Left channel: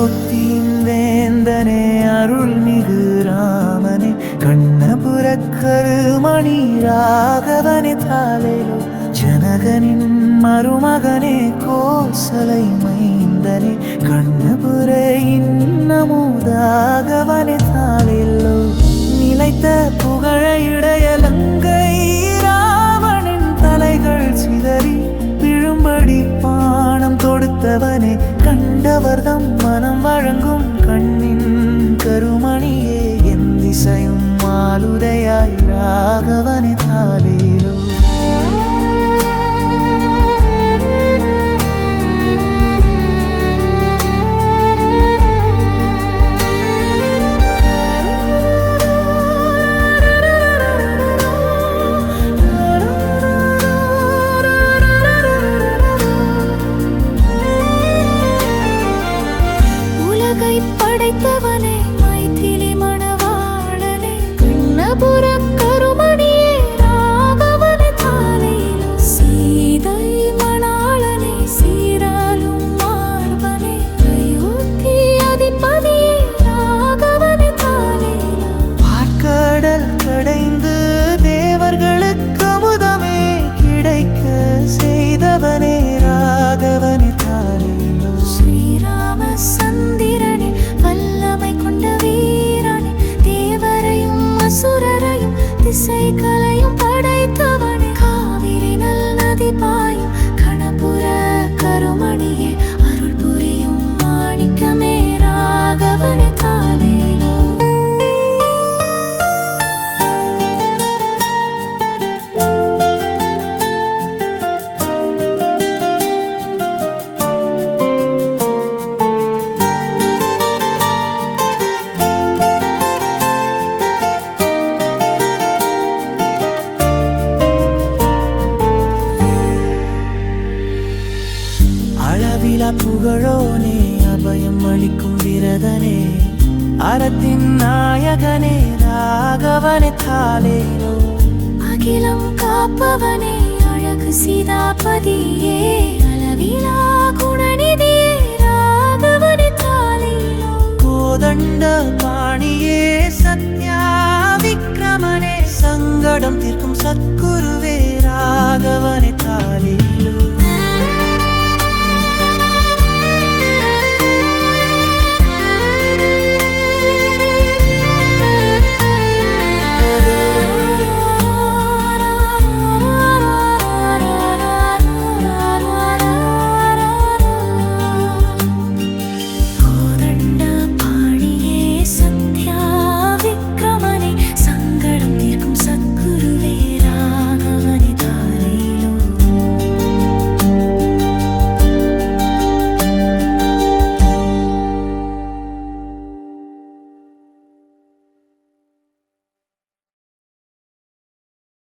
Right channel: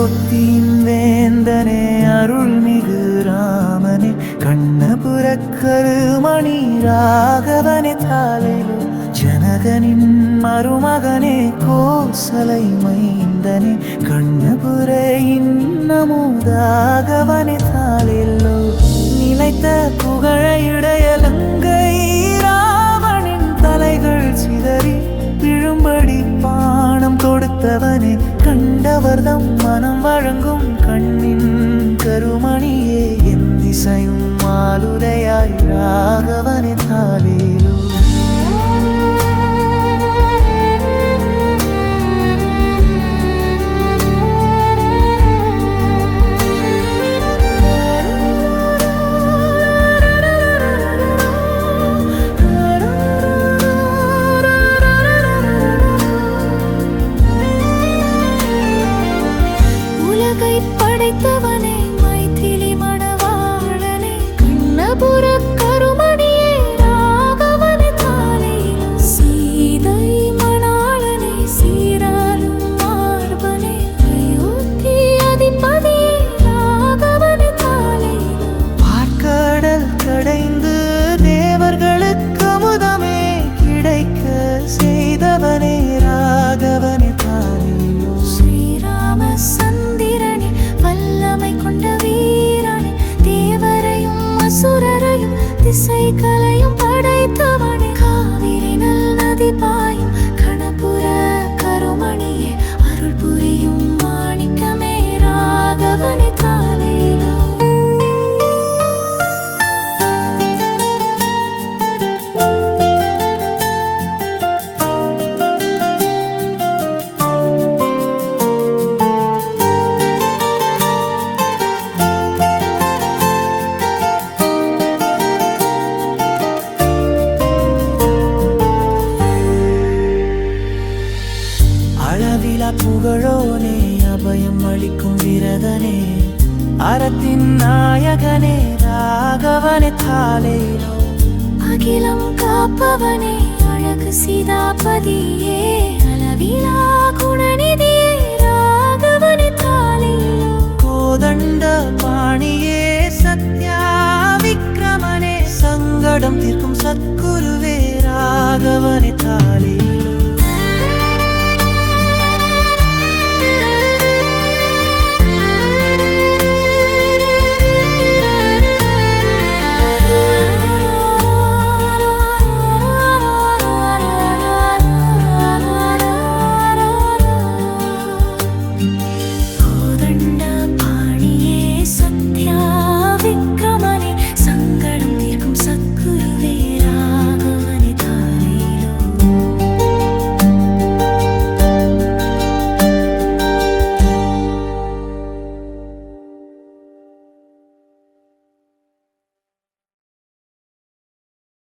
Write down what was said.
அயோத்தியின் வேந்தனே அருள்மிகு ராமனே கண்ணபுரக்கருமணி ராகவனே தாலேலோ ஜனகனின் மருமகனே கோசலை மைந்தனே கண்ணபுரையின் நமூதாகவனே தாலேலோ நிலைத்த புகழ இடையலங்கை ராவணின் தலைகள் சிதறி விழும்படி பானம் தொடுத்தவனே கண்டவர்தம் மனம் வழங்கும் கண்ணின் கருமணியே என் திசையும் மாலுதையாய் ராகவனே தாலேலோ படைத்தவனே மைதிலி மணவாளனே கண்ணபுரக்கருமணியே ராகவனே தாலேலோ சீதை மணாளனே சீராலும் மார்பனே அயோத்தி அதிபதியே ராகவனே தாலேலோ பார்க்கடல் கடைந்து தேவர்களுக்கு அமுதமே கிடைக்க செய்தவனே ராகவனே தாலேலோ ஸ்ரீராம சந்திரனே வல்லமை கொண்ட வீரனே தேவரையும் அசுரரையும் திசைகளையும் படைத்தவனே காவிரி நல் நதி பாயும் கணபுர கருமணியே அருள் புரியும் மாணிக்கமே ராகவனே தாலேலோ அளவிலா புகழோனே அபயம் அளிக்கும் விரதனே அறத்தின் நாயகனே ராகவனே தாலேலோ அகிலம் காப்பவனே அழகு சீதாபதியே அளவிலா குணநிதியே ராகவனே தாலேலோ கோதண்ட பாணியே சத்யா விக்ரமனே சங்கடம் தீர்க்கும் சத்குருவே ராகவனே தாலேலோ